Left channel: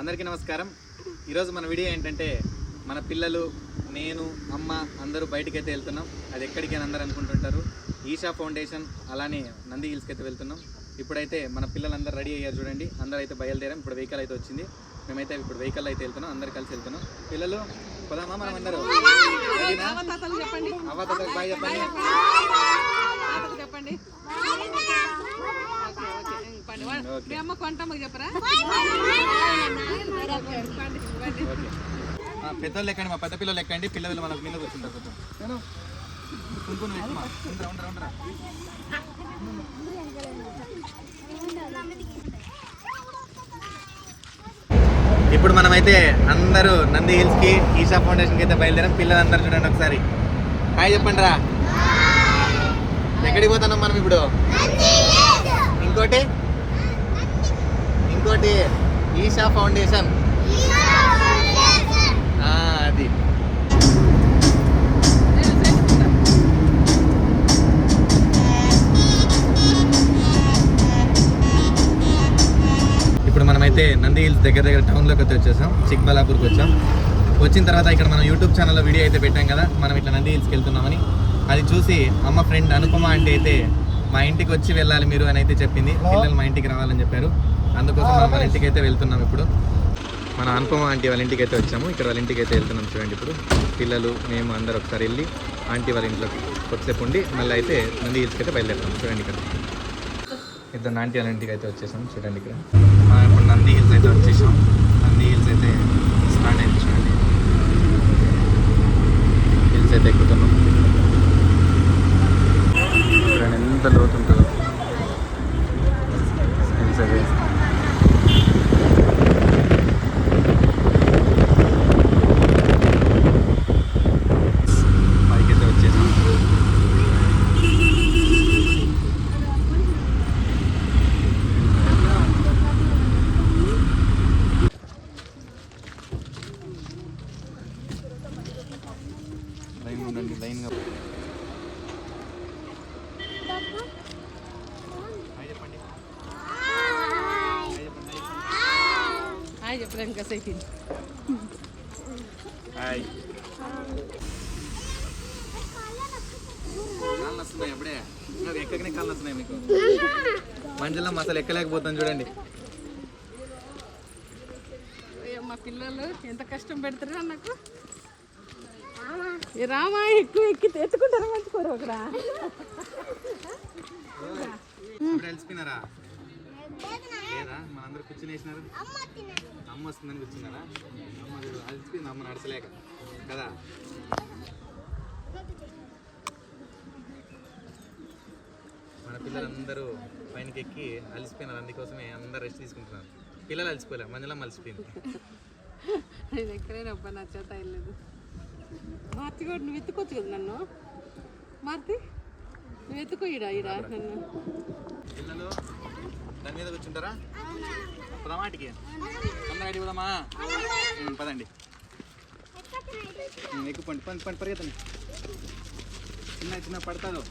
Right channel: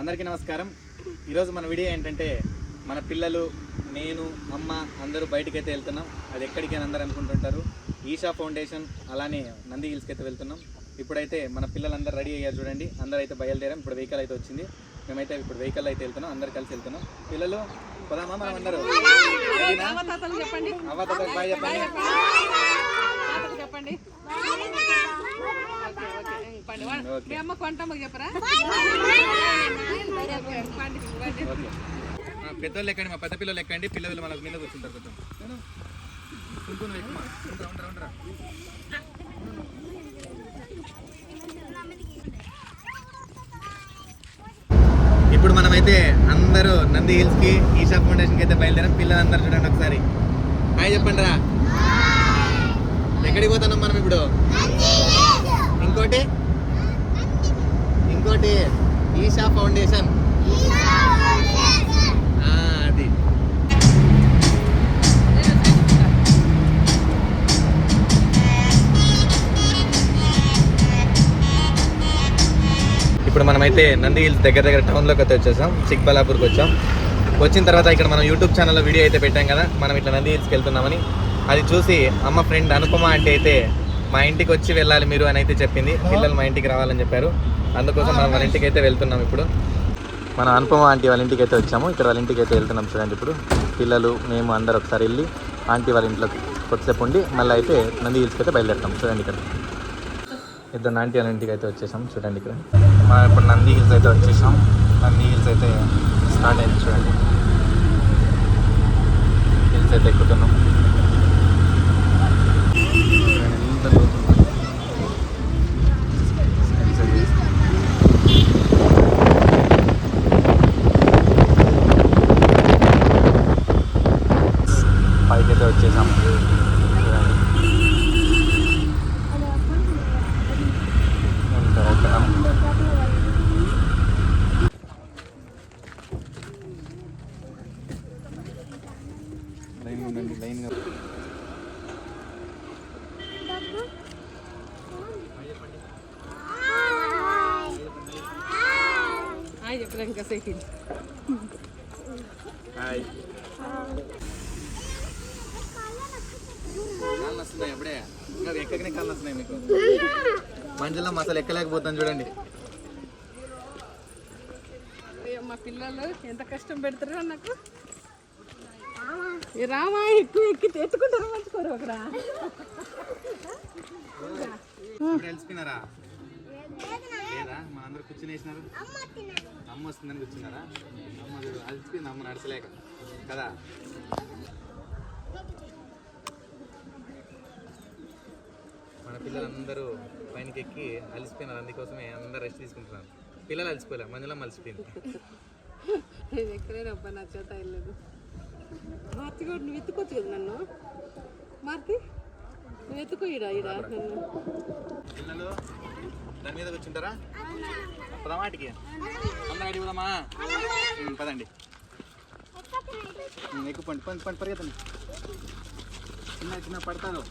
అందరికీ నమస్కారం. ఈరోజు మన వీడియో ఏంటంటే మన పిల్లలు నేను అమ్మ అందరూ బయటికి అయితే వెళ్తున్నాం. అది ఎక్కడికి అని అందరూ అనుకుంటుంటారు. ఈషా ఫౌండేషన్ అలానే నంది హిల్స్కి అయితే వెళ్తున్నాం. ఇప్పుడైతే మన పిల్లలందరూ రెడీ అయ్యారు చూడండి. అందరూ అయితే బయలుదేరాం. ఇప్పుడు వెహికల్ అయితే వచ్చింది. మేమైతే ఇప్పుడు వెహికల్ అయితే వెళ్తున్నాం. అందరు కలిసి వెళ్తున్నాం. పిల్లలు పోదామా మనం అందరూ? అవ్వ తాతకు బాయ్ చెప్పండి. పెద్దోళ్ళు ఎక్కండి, మా పెద్ద పిల్లలు ఎక్కండి. పిల్లలు మనకు మీద కూర్చుంటారు. కొంచెం కుంకుని ఎక్కువ ఉండరా. ఇప్పుడు మనమైతే అందరూ నంది హిల్స్ కి ఈషా ఫౌండేషన్ కి అయితే బయలుదేరాం. పిల్లలందరూ చూడండి ఒకసారి హాయ్ చెప్పండి రా. ఎక్కడికి పోతున్నాం మనం ఇప్పుడు? ఇంకోటి ఈషా ఫౌండేషన్. అది ఇప్పుడు మనమైతే నంది హిల్స్ దగ్గర టౌన్లోకి అయితే వచ్చేసాం. చిక్బల్లాపూర్కి వచ్చాం. వచ్చిన తర్వాత ఇక్కడ మనం యూట్యూబ్ ఛానల్లో వీడియో అయితే పెట్టాం కదా, మనం ఇట్లా నంది హిల్స్కి వెళ్తున్నామని. అది చూసి అమ్మ ఫ్రెండ్ అనుపమ అంటే అయితే మా ఇంటికి వచ్చి వెళ్ళాలి మీరు అని అయితే చెప్పింది. పిల్లలు మా ఇంటికి రావాలని చెప్పారు. అందుకోసం మనం వాళ్ళ ఇంటికి అయితే వెళ్తున్నాం. ఇప్పుడు మన అనుపమ ఆంటీ వాళ్ళ ఇంటికి అయితే వచ్చాము. ఇక్కడ వాళ్ళ ఇంటికి అయితే వెళ్తున్నాం. చూడండి ఇప్పుడు పిల్లలు మేము అందరు ఒకసారి వెళ్ళి ఆంటీ వాళ్ళ ఇంట్లోకి కొద్దిసేపు ఉండి మళ్ళీ అయితే నంది హిల్స్కి అయితే బయలుదేరుతాం. చూడండి ఇక్కడ ఇద్దరు ఆంటీ వాళ్ళ ఇంటికి అయితే వచ్చేసాం. చూడండి ఇక్కడ మనం ఇప్పుడు నంది హిల్స్ అయితే వచ్చేసాం. నంది హిల్స్ అయితే స్టార్ట్ అయింది. చూడండి హిల్స్ అయితే ఎక్కుతున్నాం. ఎంత లోతు ఉంటుంది. పైకైతే వచ్చేసాం. లైన్ ఉండండి, లైన్గా చెప్పడానికి సైకిల్ కాళ్ళు వస్తున్నాయి. అప్పుడే ఎక్కకనే కాళ్ళు వస్తున్నాయి మీకు. మంచిలో అసలు ఎక్కలేకపోతాను చూడండి. మా పిల్లలు ఎంత కష్టం పెడతారు నాకు. రామా ఎక్కువ ఎక్కి ఎత్తుకుంటారా మంచుకోరు ఒకరా. తెలిసిపోయినారా లేదా? మనందరూ కూర్చుని వేసినారు. అమ్మ వస్తుందని కూర్చున్నారా? అమ్మ అలసిపోయింది. అమ్మ నడచలేక కదా. మన పిల్లలందరూ పైనకి ఎక్కి అలసిపోయినారు. అందుకోసమే అందరు రెస్ట్ తీసుకుంటున్నారు. పిల్లలు అలసిపోలే, మంజులో అలసిపోయింది. నేను ఎక్కడైనా నా చేత వెళ్ళలేదు. మార్తి కూడా నువ్వు ఎత్తుకోవచ్చు కదా నన్ను. మార్తి నువ్వు ఎత్తుకో. ఈడ నన్ను. పిల్లలు దాని మీద కూర్చుంటారా? పదమాటికి అందరూ అడిగి పోదామా? పదండి, ఎక్కువ పండి పరిగెత్తండి. చిన్న పడతారు.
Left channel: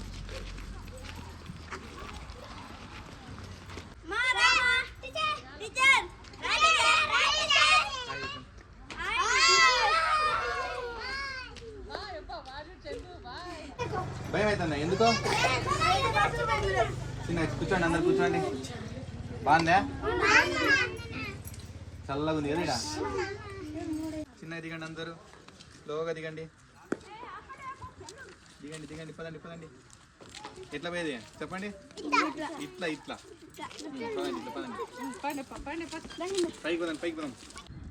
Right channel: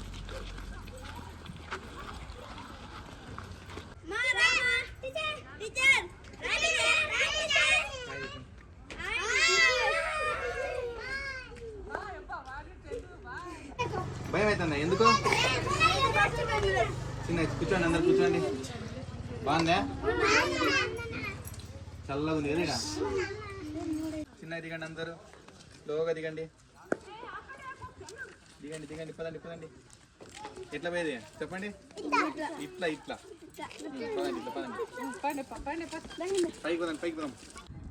భయం అవుతుందా? ఎందుకో? చిన్న కూర్చోండి, అందరు కూర్చోండి. బాగుందా? చల్లగా ఉంది కదా. చిన్నగా దిగండి, అందరూ స్లోగా దిగండి. పదండి. ఎట్లా పోయేది చెప్పండి. ఇట్లా పదండి. పైకి పోదాం.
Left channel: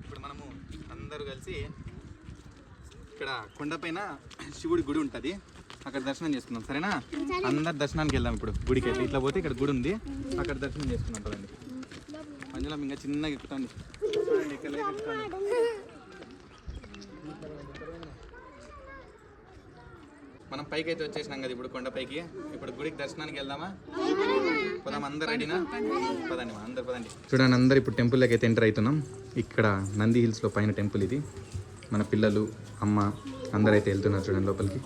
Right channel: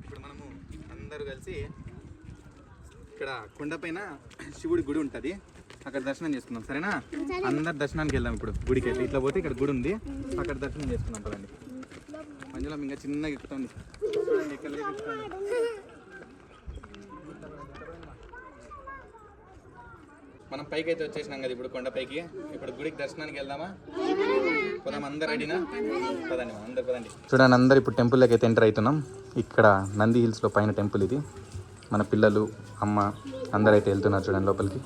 ఇప్పుడు మనము అందరూ కలిసి ఇక్కడ కొండపైన శివుడి గుడి ఉంటుంది. అక్కడ దర్శనం చేసుకుందాం, సరేనా? అందరు దర్శనానికి వెళ్దాం. ఇప్పుడు గుడికి అయితే ఇట్లా పోతే ఇక్కడ గుడి ఉంది, అక్కడ దర్శనం చేసుకుందాం. పదండి. మంజులో ఇంకా చిన్నగా ఎక్కుతాండి. చూడండి ఇక్కడ మనం పైకి అయితే వచ్చేసినాం కదా ఇప్పుడు కొండపైకి. ఇప్పుడు గుడికి దర్శనానికి వెళ్దామా? పోదాం. అందరు రెడీనా? పదండి, అందరు పదండి. చూడండి అందరు ఇప్పుడు టెంపుల్లోకి అయితే ఎంటర్ అవుతున్నాం. ఇక్కడ నంది హిల్స్లో పైన టెంపుల్ ఇది. మన పిల్లలు అమ్మ అందరు అయితే వెళ్తున్నారు. చూడండి లోపలికి.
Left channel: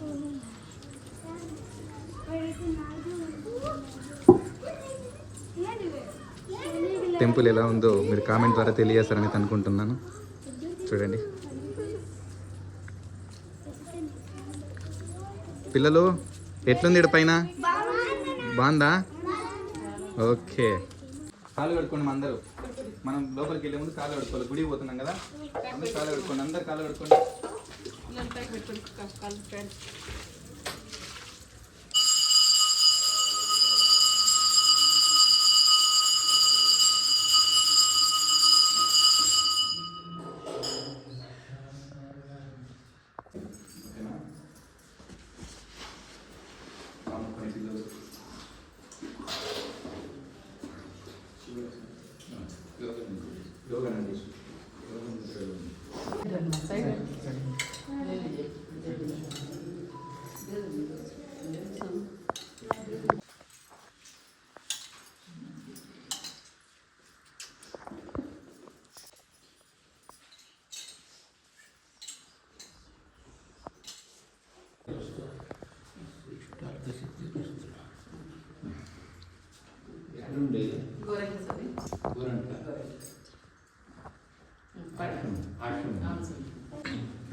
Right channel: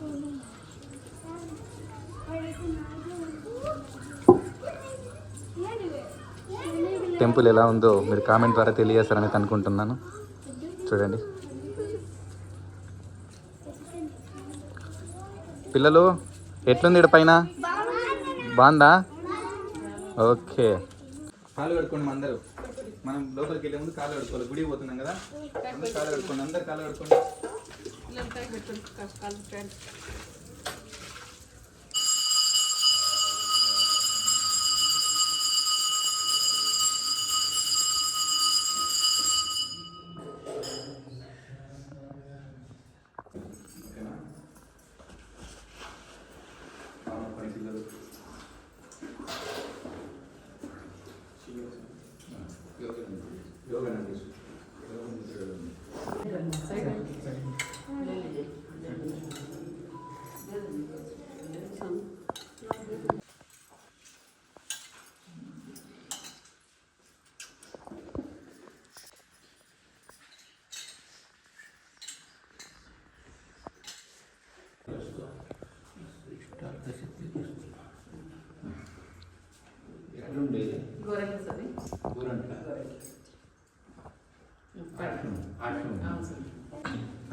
టెంపుల్ ఎలా ఉందో మీరు కామెంట్ ద్వారా తెలియజేస్తారని అనుకుంటున్నాను. చూడండి పిల్లలు, ఎట్లుంది ఇక్కడ పైన? బాగుందా? ఓకే, కాలు కడుక్కోండి అందరూ. మనం లోపలికి వెళ్ళే ముందు కాలు కడుక్కోవాలి. గుడికి పోతున్నాం కదా, అందరూ కాలు కడుక్కోండి. అందరు కాలు కడుక్కోండి.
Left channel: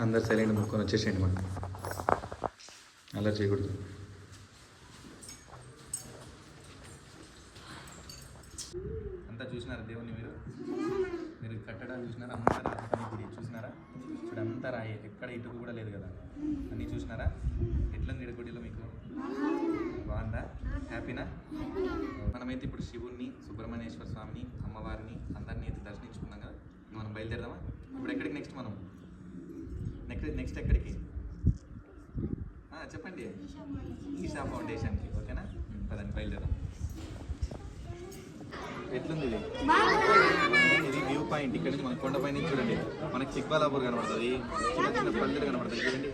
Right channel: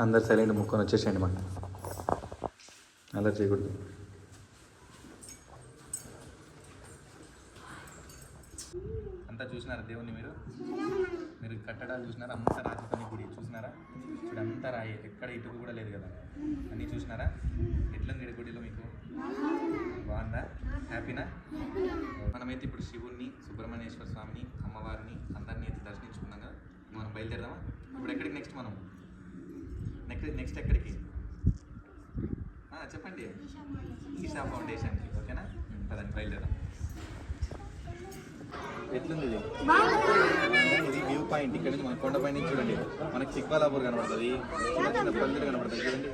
అందరు సైలెంట్ ముక్కొని వచ్చేసేయండి. మనం అలా చేయకూడదు. అంతా చూసినారా దేవుణ్ణి? మీరు కట్టడాలు చూసినారా? అంతా రాతి పని గుడి చూసినారా? ఇప్పుడు అంతా రాయి, ఎక్కడ ఇటుకు కూడా లేదు కదా. అన్నీ చూసినారా? ఎట్లుంది ఈడ గుడిలో మీకు? బాగుందా? హ్యాపీనా? మనమైతే ఇప్పుడు శివుణ్ణి, సుబ్రహ్మణ్యేశ్వర స్వామిని, అమ్మవారిని అందరినీ అయితే దర్శించుకున్నాం కదా. మనం బయలుదేరదామా? ఇప్పుడు ఎక్కడికి నెక్స్ట్? మనం నెక్స్ట్ ఎక్కడికి చెప్పండి? ఈషా ఫౌండేషన్కి. ఓకేనా? పదండి బయలుదేరాం. ఎట్లుంది ఇది? ఇది వ్యూ పాయింట్. ఇక్కడ నుంచి మన కొండపై నుంచి చూడండి మనకి చిక్బల్లాపూర్ కనబడుతుంది, చిన్న చిన్న పల్లెలు కనబడుతుంది. చూడండి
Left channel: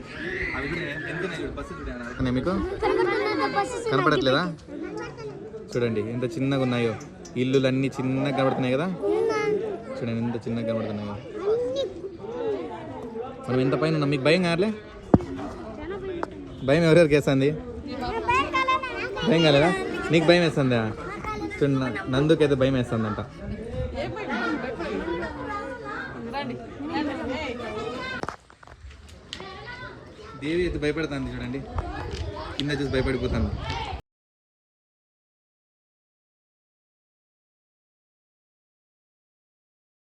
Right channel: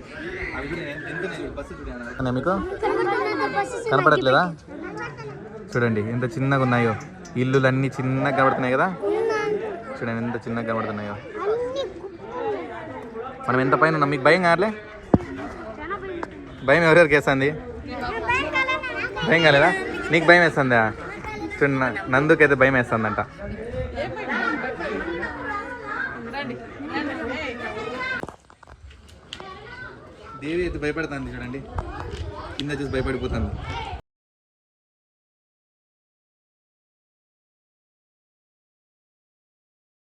అవి కూడా ఎంత బస్సు చూడండి. మీకు కనపడట్లేదా? చూడండి ఎంత చిన్నగా ఉన్నాయో ఇల్లులన్నీ, చిన్నగా కనబడుతున్నాయి కదా. చూడండి ఎంత చిన్నగా కనబడుతున్నాయో. మనం ఎంత పైన ఉన్నాం? మీకు భయం కాలే? భయం ఎవరెవరికి వేస్తుంది? భయం కాలేదా? నీకు భయం వేస్తుందా? చూడండి నందుకైతే భయం వేస్తుందంట. దేవి అయితే భయపడుతుంది. చూడండి కింద చూసి భయపడిపోతుంది.